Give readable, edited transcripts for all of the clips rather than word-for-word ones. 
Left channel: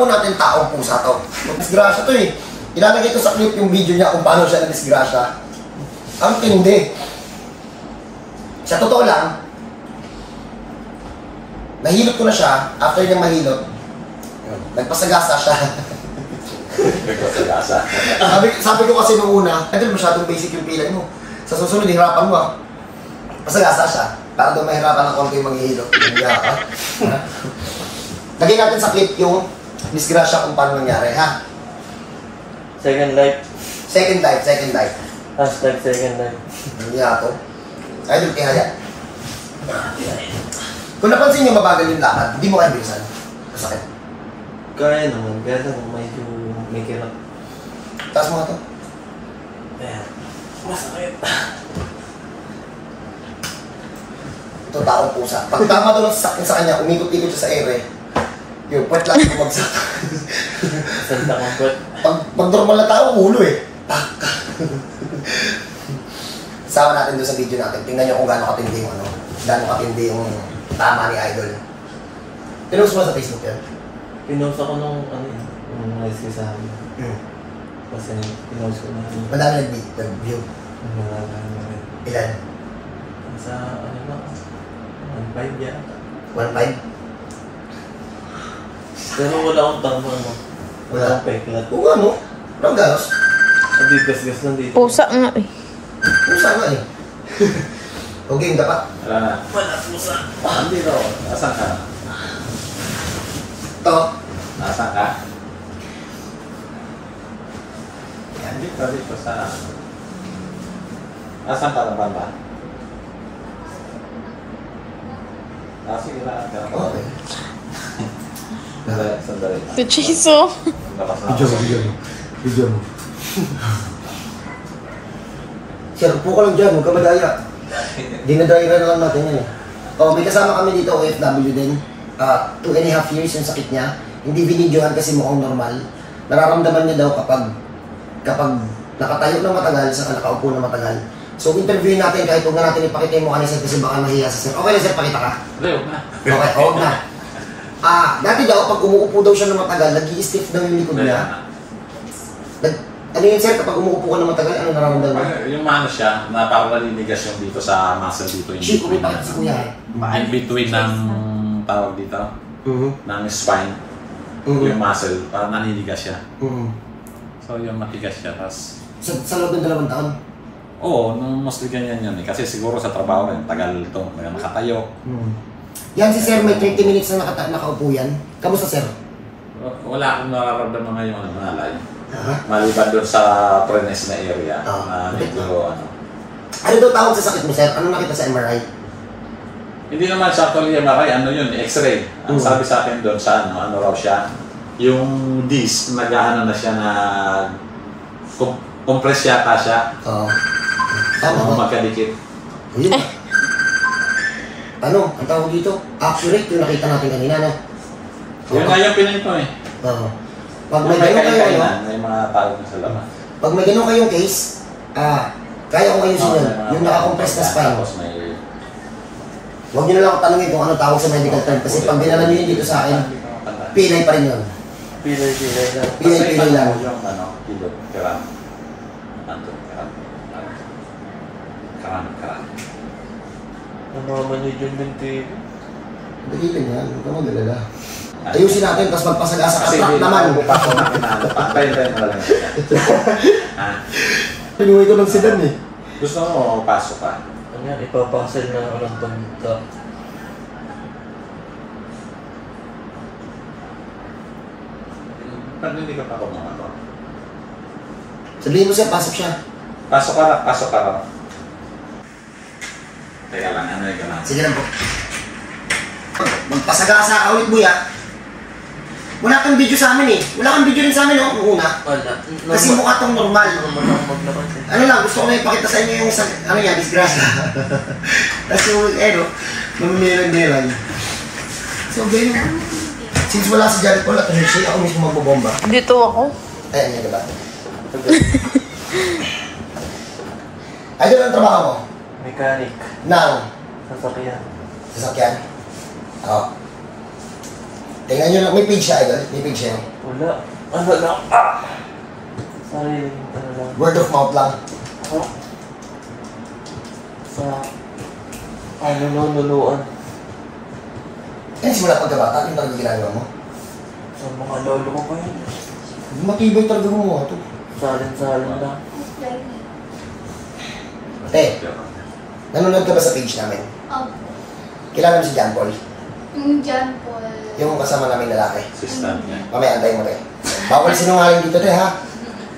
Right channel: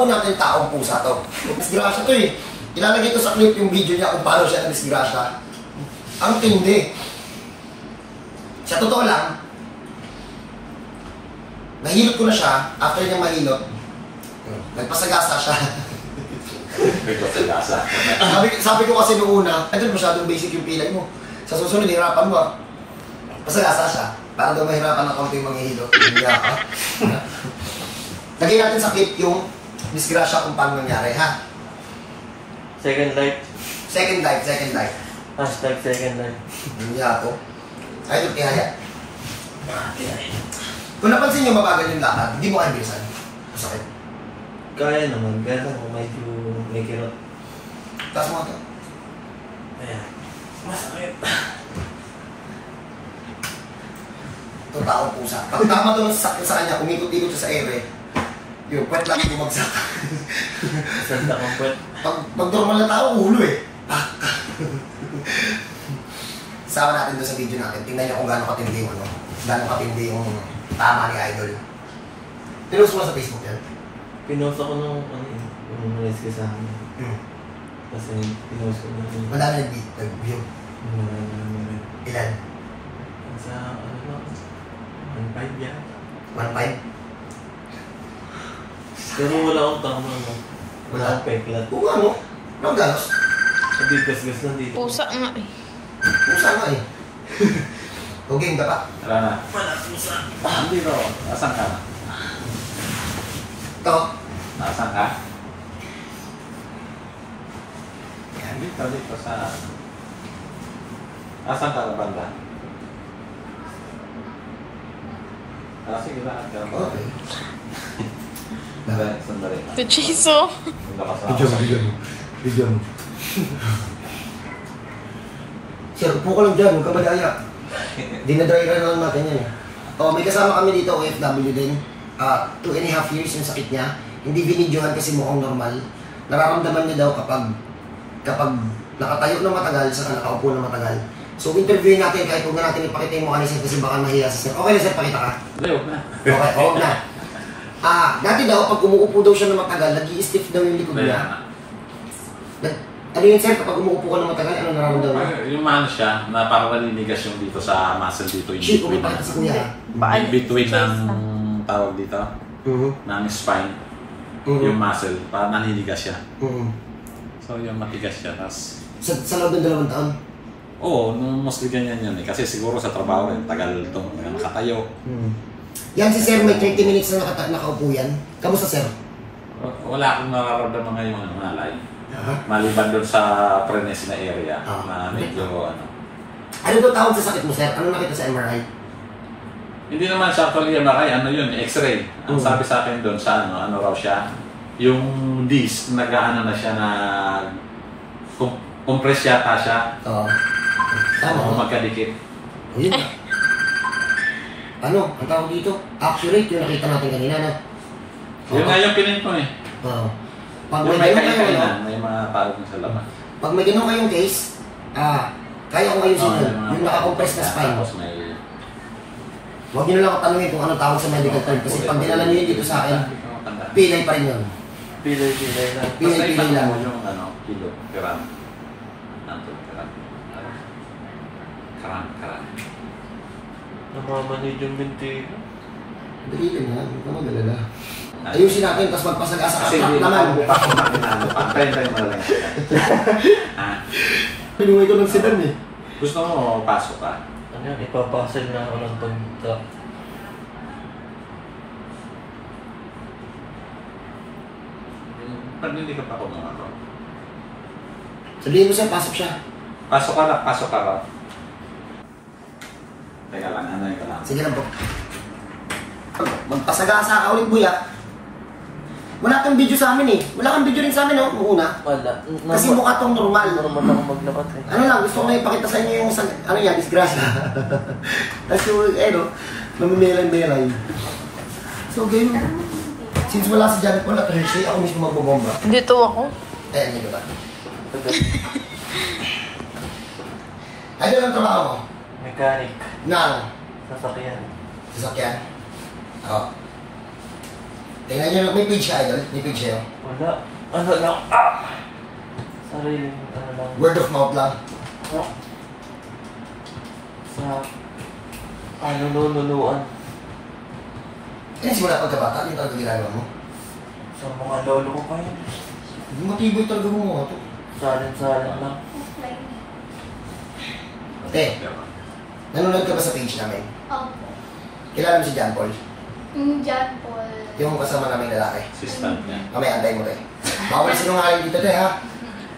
po natin taong pusa to. Disgrasya to eh. Ilalagay ko sa clip yung video niya kung paano siya na-disgrasya. Ang tindi. Sa totoo lang, nahilot ko na siya. After niya mahilot, nagpasagasa siya. Nagpasagasa. sabi ko kasi nung una, ito masyadong basic yung pilay mo. Sa susunod, hirapan mo ah. Pasagasa siya. Para doon mahirapan ng konti yung manghihilot. Lagay natin sa clip yung disgrasya kung paano nangyari, ha? Second life. Second life. Hashtag second life. Hindi ako. Ay, doon kaya. Kung napansin nyo mabagal yung lakad, hindi mo kaya bilisan. Masakit. Kaya naman. Kaya naman medyo may kirot. Taas mo nga to. Ayan. Masakit. Ito taong pusa. Pag tama to sa kanya, umikot-ikot siya sa ere. Yung puwet lang bumagsak. Sanda kong puwet. Pag normal na tao, ulo eh. Sama natin doon sa video natin. Tingnan nyo kung gaano katindi yung katindi yung tama ni Idol. Pinost mo sa Facebook yan? Pinost ako nung yung rice ko sa akin. Kasi pinost ko na yun. Madami nag-view. Ilan? Sa ano ba? 1.5 yata. 1.5? Pero wala akong tama ano. Wala akong peklat. Oo ano? Walang galos? Sabi gas-gas lang dito. Pusa nga eh. Pusa nga eh. Okay, dapat. Wala na. Wala, pusa. Hindi no. Asan ka? Ito. Asan ka? Yan, dito sa... Asan ka na banda? Sige na. Okay. Sandali. Pichiso. Video mo. Sir, upo ka lang dyan, huwag ka madaya. Dinadry na lang natin yan. May kasama kami dito, OFW din. 2.5 years yung sakit niya. Hindi binidyohan kasi mukhang normal. Nararamdaman niya daw kapag nakatayo na matagal, saka nakaupo na matagal. So, interviewin natin kahit huwag na natin ipakita yung mukha ni Sir kasi baka mahiya si Sir. Okay na Sir, pakita ka? Huwag na. Okay, huwag na. Dati daw, pag umuupo daw siya na matagal, nag-i-stiff daw yung likod niya. Ano yun Sir, kapag umuupo ka na matagal, ano nararamdaman mo? Yung ano siya, na parang naliligas yung dito sa muscle dito. Yung Shit, between, pumunta si Kuya eh. in between ng tawag dito, ng spine, yung muscle, parang naliligas siya. So yung matigas siya, tapos... Sa loob ng 2 taon? Oo, nung mostly ganyan yan eh. Kasi siguro sa trabaho rin, tagal ito, nakatayo. Yan si Sir, may 30 minutes na nakaupo yan. Kamusta Sir? Wala akong nararamdaman ngayon, malay. Maliban doon sa prenes na area, na medyo ano. Ano daw tawag sa sakit mo Sir? Ano nakita sa MRI? Hindi naman siya actually MRI, ano yun, X-ray. Ang sabi sa akin doon sa ano raw siya, yung disc, nag-ano na siya na compress yata siya. Oo. Tama ba? Magkadikit. Yun. Ano? Ang tawag dito? Accurate yung nakita natin kanina, no? Yun nga yung pininto eh. Oo. Pag may ganun kayo, ano? May mga tawag sa laman. Pag may ganun kayong case, kaya ko ayusin yun. Yung nakakompress na spine. Tapos may... Huwag nyo na lang ako tanongin kung ano tawag sa medical term. Kasi pag dinala nyo yun dito sa akin, pilay pa rin yun. Pilay lang. Pilay lang. Yung ano, pilot, karan. Karan. Namamanid yung binti ko. Dali lang yan. Huwag ka mag-alala. Ayusin natin, tapos magpasagasa ka. Kasi Naman. Kaya lang. Pinuwi ko ng sedan eh. Gusto mo pasok ka? Ano yan, ipapasel na ako ng pagka. Pag-hindi ka pa ako mga ako. Sabihin mo siya, pasok siya. Pasok ka na. Teka lang, ano yung lang. Sige lang po. Magpasagasa ka ulit, Buya. Wala kang video sa amin eh. Wala kang video rin sa amin, no? Noong una. Wala. Kasi mukha tong normal. Normal lang maglakad. Ano lang, gusto ko na ipakita sa inyo yung, ano yan, disgrasya. Tapos yung, no, namimelay-melay. So, ganyan. Since wala si Janet Paul at Hershey, ako mismo magbobomba. Dito ako. Ayan, yun diba? Ayun ang trabaho ko. Mechanic. Nang Sasakyan. sasakyan. Oo. Tingnan nyo lang, may page siya, idol. May page siya. Wala. Ano lang? Sariling, ano lang. Word of mouth lang. Sa, nunuan. Yan, simula pagkabata, yung talaga ginagawa mo. Sa mga lolo ko pa yun. Matibay talaga mo mga ito. Salin lang. Nanonood ka ba sa page namin? Opo. Kilala mo si John Paul? Yung John Paul. Yung kasama namin lalaki. Assistant niya. Mamaya, antayin mo tayo. Bawal sinungaling dito, te, ha?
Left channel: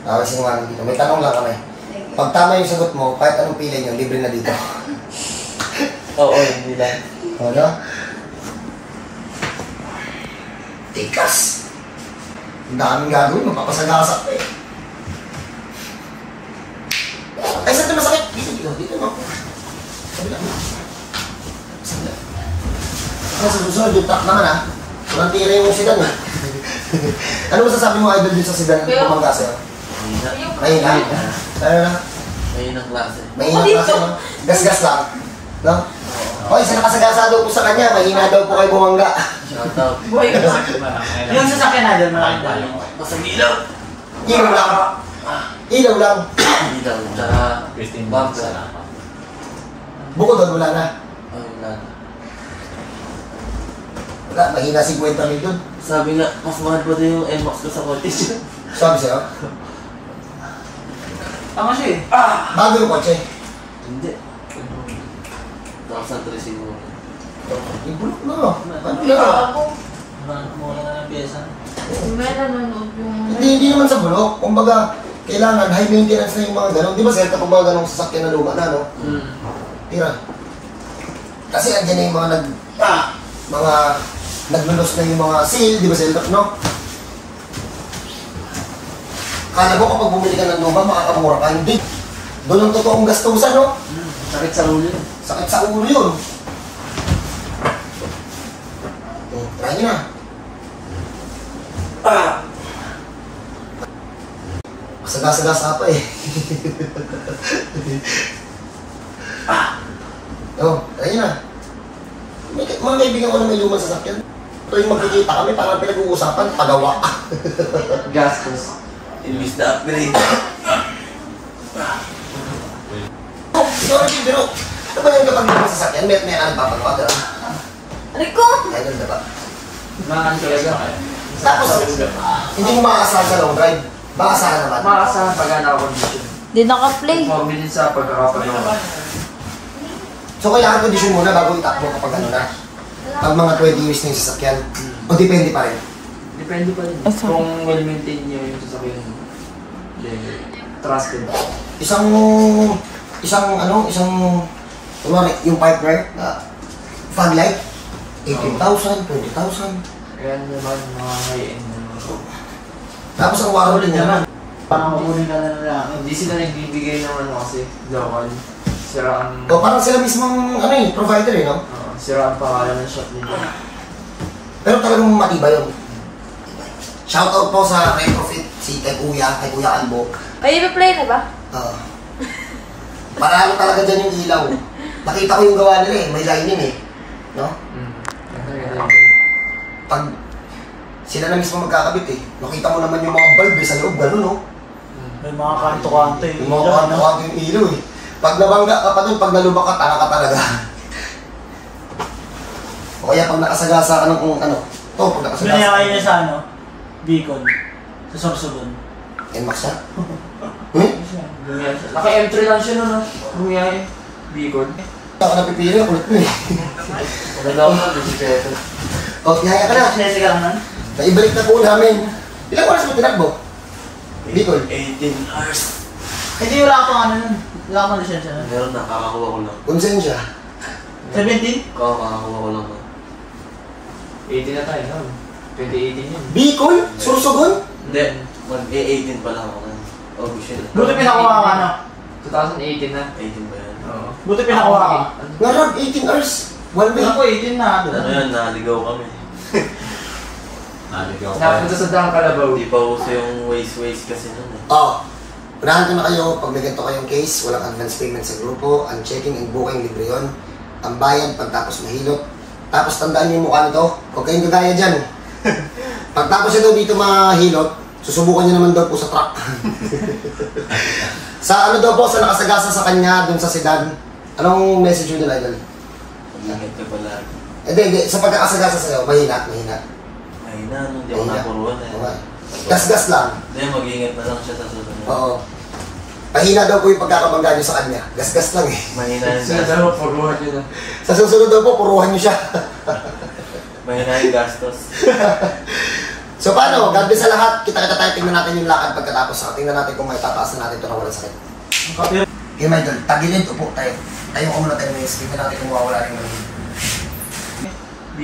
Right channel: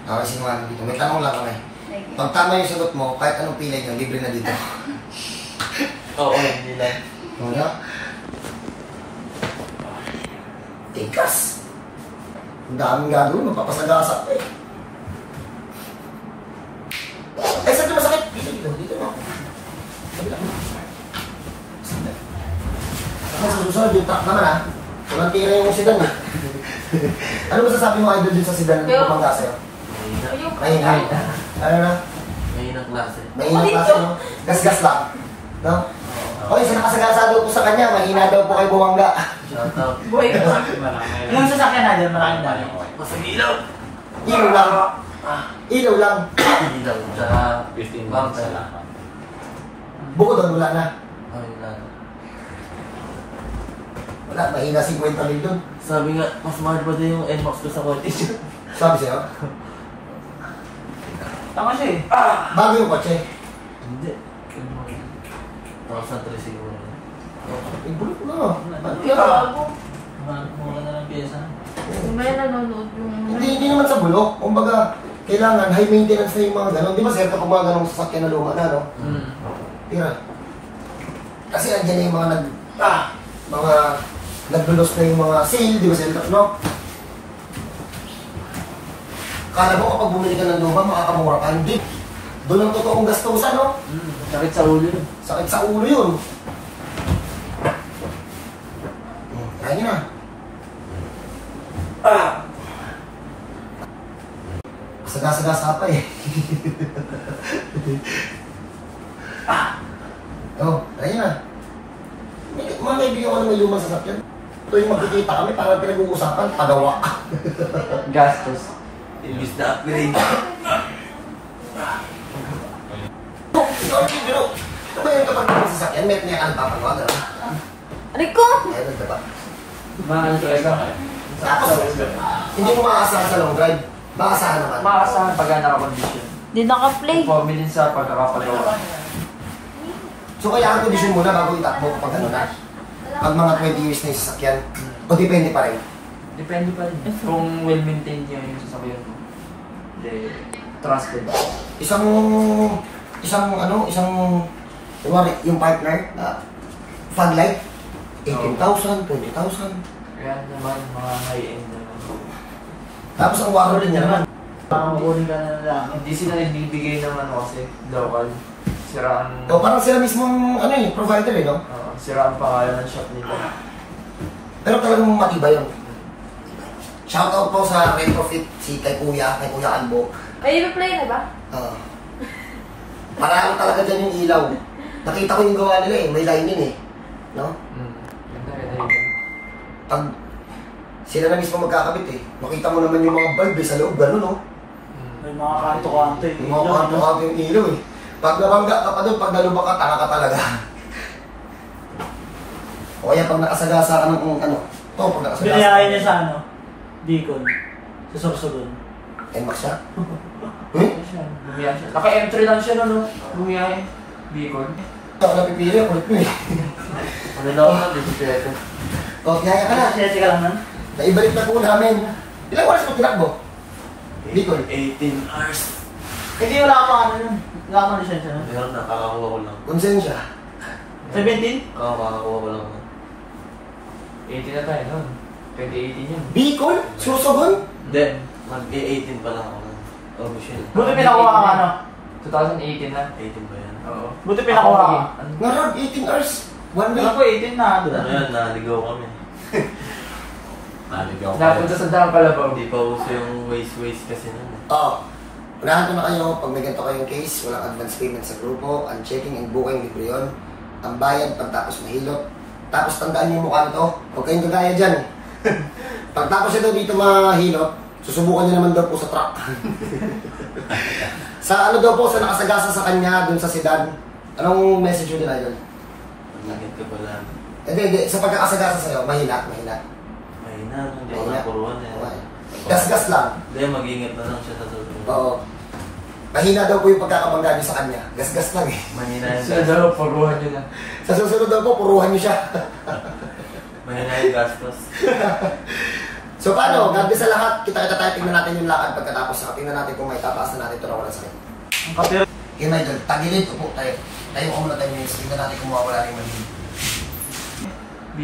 Bawal sinungaling dito. May tanong lang kami. Pag tama yung sagot mo, kahit anong pilay nyo, libre na dito. Oo, hindi lang. Ano? Tikas! Ang daming gagawin, magpapasagasak pa eh. Ay, saan ito masakit? Dito mo. Sabi lang. Ano sa susunod, yung tak naman ha? Walang tira yung sidan eh. Ano masasabi mo, idol, dun sa sidan ng pumangga sa'yo? Mahina. Ano na? Mahina klase. Mahina klase, no? Gas-gas lang. No? O, isa nakasagasado po sa kanya, mahina daw po kayo bumangga. Shout out. Yung sasakyan na dyan, malaking dali. Masang ilaw. Ilaw lang. Ilaw lang. Ilaw, tsaka 15 minutes bumper. sa lahat. Bukod doon, wala na. Ay, wala na. Wala, mahina 50 mil doon. Sabi nga, mas mahal pa din yung NMAX ko sa cottage. Sabi sa'yo, Tama siya eh. bago yung kotse. Hindi. Tapos na 3 siguro. Ibulok na. Ano Yung na? ako. Mura na ng pyesa. May nanonood yung... Hindi naman sa bulok. Kumbaga, kailangan high maintenance na yung mga ganun. Di ba sir, kapag mga ganong sasakyan na luma na, no? Tira. Kasi andyan na yung mga mga naglulos na yung mga seal, di ba sir, no? Kala mo kapag bumili ka ng luma, makakamura ka. Hindi. Doon ang totoong gastusan, no? Sakit sa ulo yun. Sakit sa ulo yun. Try nyo na. Saga-sagasa pa eh. Try nyo na. Mga kaibigan ko na may lumang sasakyan. Ito yung magkikita kami, parang pinag-uusapan, pagawa. Gastos. Imbis na upgrade. Ikaw ang biro. Ito ba yung kapag lumang sasakyan, may ka ng papagawa, gano'n? Rico! Yan, diba? Maano talaga. Tapos, hindi mo makakasahan sa long drive. Makakasahan naman. Makakasahan pag naka-condition. Di naka-play. Conforme din sa pagkakapagawa. So, kailangan condition muna bago itakbo kapag ano na. Pag mga 20 years na yung sasakyan. O depende pa rin. Depende pa rin. Asa? Kung well-maintained nyo yung sasakyan. Trusted. Kunwari, yung partner na fog light, 18,000, 20,000. Kaya naman mga high-end na. Tapos ang waro din naman. Parang mabunin ka na ng lang. Hindi sila nagbibigay ng ano kasi. Local. Sira ang... O parang sila mismong provider eh, no? sira ang pangalan ng shop nila. Pero talagang matibay yun. Shoutout po sa retrofit kay Kuya Albo. Ay, play na ba? Marami talaga dyan yung ilaw. Nakita ko yung gawa nila eh, may lining eh. No? Pag sila na mismo magkakabit eh, makita mo naman yung mga bulb eh, sa loob, gano'n no? May mga kanto-kanto yung Yung mga kanto-kanto yung ilaw eh. Pag nabangga ka pa dun, pag nalubak ka, tanga ka talaga. O kaya pag nakasagasa ka ng pag nakasagasa. Binayakay niya sa Beacon. Sa Sorsogon. NMAX siya? Bumiyay siya. Naka-M3 lang siya no? Bumiyay. Beacon. Hindi ako napipili, kulit mo eh. Ano na ako na, disipeto. O, tihaya ka na. Sesi ka lang nun? Naibalik na po namin. Ilang oras mo tinakbo? Bicol. 18 hours. Hindi wala pang ano nun. Wala pang lisensya nun. Meron na, kakakuha ko lang. Konsensya. 17? Kakakuha ko lang. 18 na tayo nun. 2018 yun. Bicol? Sursogon? Hindi, mag-18 pa lang ako. August yun. Buti pinakuha ka na. 2018 na. 18 ba yan? Oo. Buti pinakuha ka. Narag, 18 hours. One day. Wala ko 18 na. Ano yan, naligaw kami. Naligaw ka. Napunta sa Dang Calabaw. Hindi pa uso yung waste kasi nun eh. Unahan ko na kayo, pag may ganito kayong case, walang advance payment sa grupo, ang checking and booking, libre yun. Ang bayad pagtapos mahilot. Tapos tandaan niyo yung mukha nito, huwag kayong gagaya dyan. Pagtapos ito dito mahilot, susubukan niyo naman daw po sa truck. Sa ano daw po, sa nakasagasa sa kanya, dun sa sedan, anong message mo din, Idol? Mag-ingat ka pala. Hindi, sa pagkakasagasa sa'yo, mahina. Mahina, hindi ako napuruan eh. Okay. Gas-gas lang. Hindi, mag-ingat na lang siya sa susunod. Oo. Mahina daw po yung pagkakabangga niyo sa kanya. Gas-gas lang eh. Mahina yung Sa gastos. daw, puruhan yun na. Sa susunod daw po, puruhan niyo siya. Mahina yung gastos. So paano? God bless sa lahat. Kita-kita tayo, tingnan natin yung lakad pagkatapos. Tingnan natin kung may tataas na natin ito na walang sakit. Okay, my idol. Tagilid, upo tayo. Tayo ko muna 10 minutes. Tingnan natin kung mawawala rin ng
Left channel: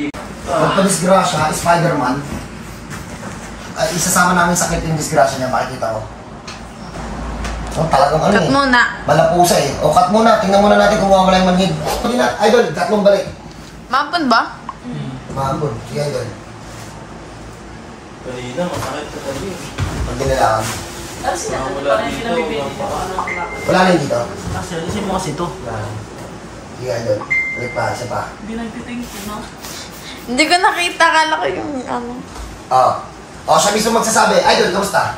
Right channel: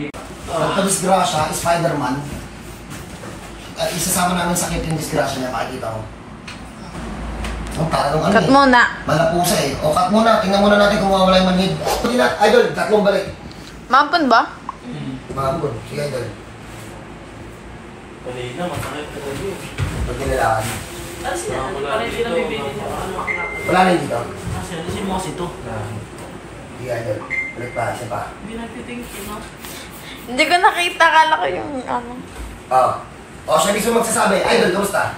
lid. Pagpa-disgrasya, Spider-Man. Isasama namin sakit yung disgrasya niya. Pakikita ko. Oh, talagang ano Cut muna. Malapusa eh. O, cut muna. Tingnan muna natin kung mawawala yung manhid. Idol, tatlong balik. Mampun ba? Mahapon. Sige, Idol. Kanina, masakit sa gabi. Pag dinalaan. Wala dito. Wala rin dito. Kasi mo kasi ito. Sige, Idol. Balik pa. Isa pa. Hindi ko nakita. Kala ko yung ano. Oo. O, siya mismo magsasabi. Idol, kamusta?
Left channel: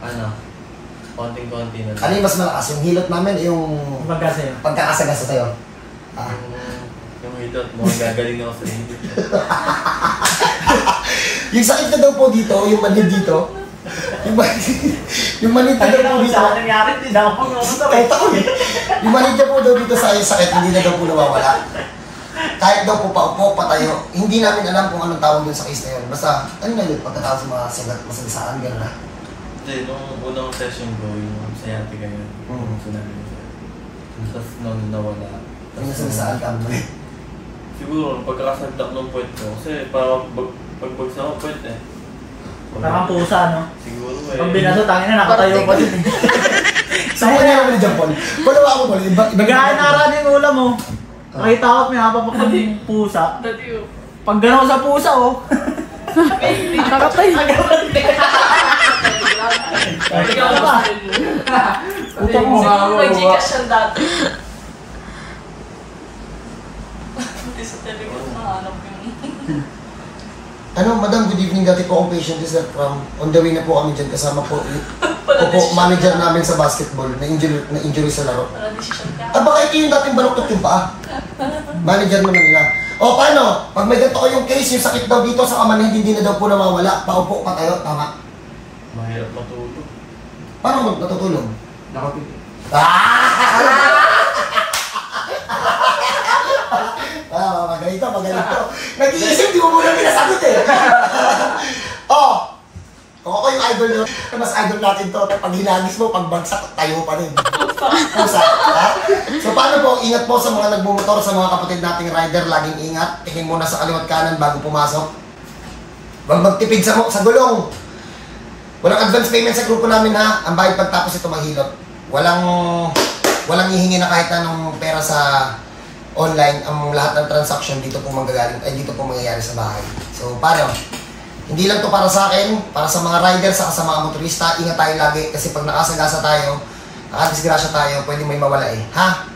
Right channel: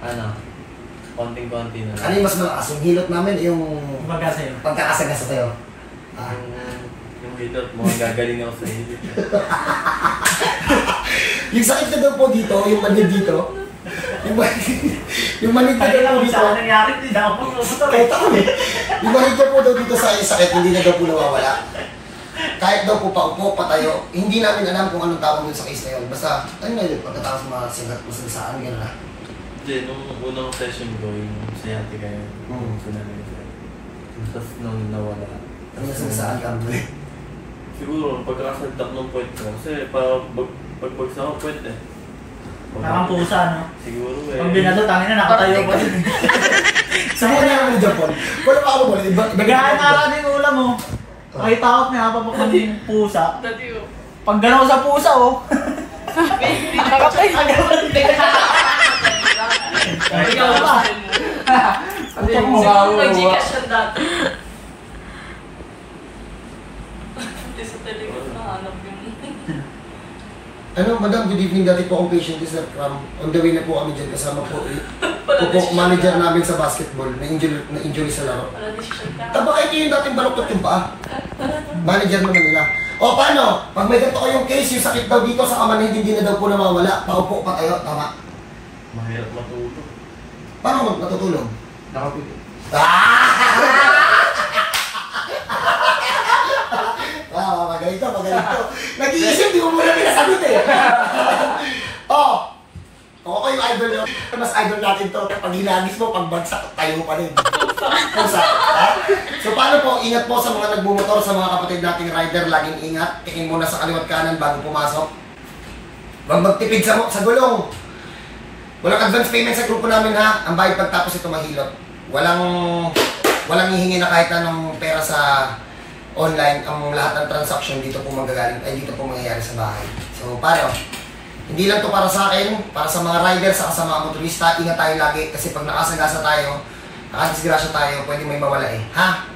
Ano? Konting-konti na lang. Ano yung mas malakas? Yung hilot namin o yung Magkasi. pagkakasagasa sa'yo? Ah. Yung hilot mo, gagaling ako sa hilot. Yung sakit na daw po dito, yung manhid dito. Yung manhid na daw po dito. Nangyari, hindi na ako Kahit ako eh. Yung manhid na po daw dito sa sakit, hindi na daw po nawawala. Kahit daw po paupo, patayo, hindi namin alam kung anong tawag dun sa case na yun. Basta, ano na yun, pagkatapos mga masagasaan, gano'n na. Hindi, nung unang session ko, yung sciatica yun. Sunalagay sa'yo. Tapos nung nawala. Ano nasagasaan ka mo? Siguro, pagkakasagdak ng puwet ko. Kasi parang pagbagsak ako puwet eh. Parang pusa, no? Siguro eh. Pag binaso, tangin na, nakatayo pa din. Subukan niya naman ni John Paul. Wala ba ako ulit? Nagahan na karaan yung ulam, oh. Nakita ko at may napapak ng pusa. Pag gano'n sa pusa, oh. Ikaw na ba? Utak mo. Mag-gcash siya dati. Hindi sa telegram nahanap yung... Ano, madam, good evening. Dati po akong patient is that from on the way na po kami dyan kasama po manager namin sa basketball na injury sa laro. Wala decision ka. Ah, baka ito yung dating baluktot yung paa. Manager naman nila. O, paano? Pag may ganito kayong case, yung sakit daw dito sa kamanhid, hindi na daw po nawawala. Paupo pa tayo, tama? Mahirap matulog. Paano natutulog? Nakapili. Magaling to. Nag-iisip, di mo muna pinasagot eh. Kung ako yung idol nyo, mas idol natin to. Pag hinagis mo, pag bagsak, tayo pa rin. Pusa. So paano po, ingat po sa mga nagbumotor, sa mga kapatid nating rider, laging ingat. Tingin muna sa kaliwat kanan bago pumasok. Huwag magtipid sa gulong. Walang advance payment sa grupo namin ha. Ang bayad pagtapos ito mahilot. Walang hihingi na kahit anong pera sa online. Ang lahat ng transaction dito po dito po mangyayari sa bahay. So paano? Hindi lang to para sa akin, para sa mga riders, saka sa mga motorista. Ingat tayo lagi kasi pag nakasagasa tayo, nakadisgrasya tayo, pwede may mawala eh. Ha?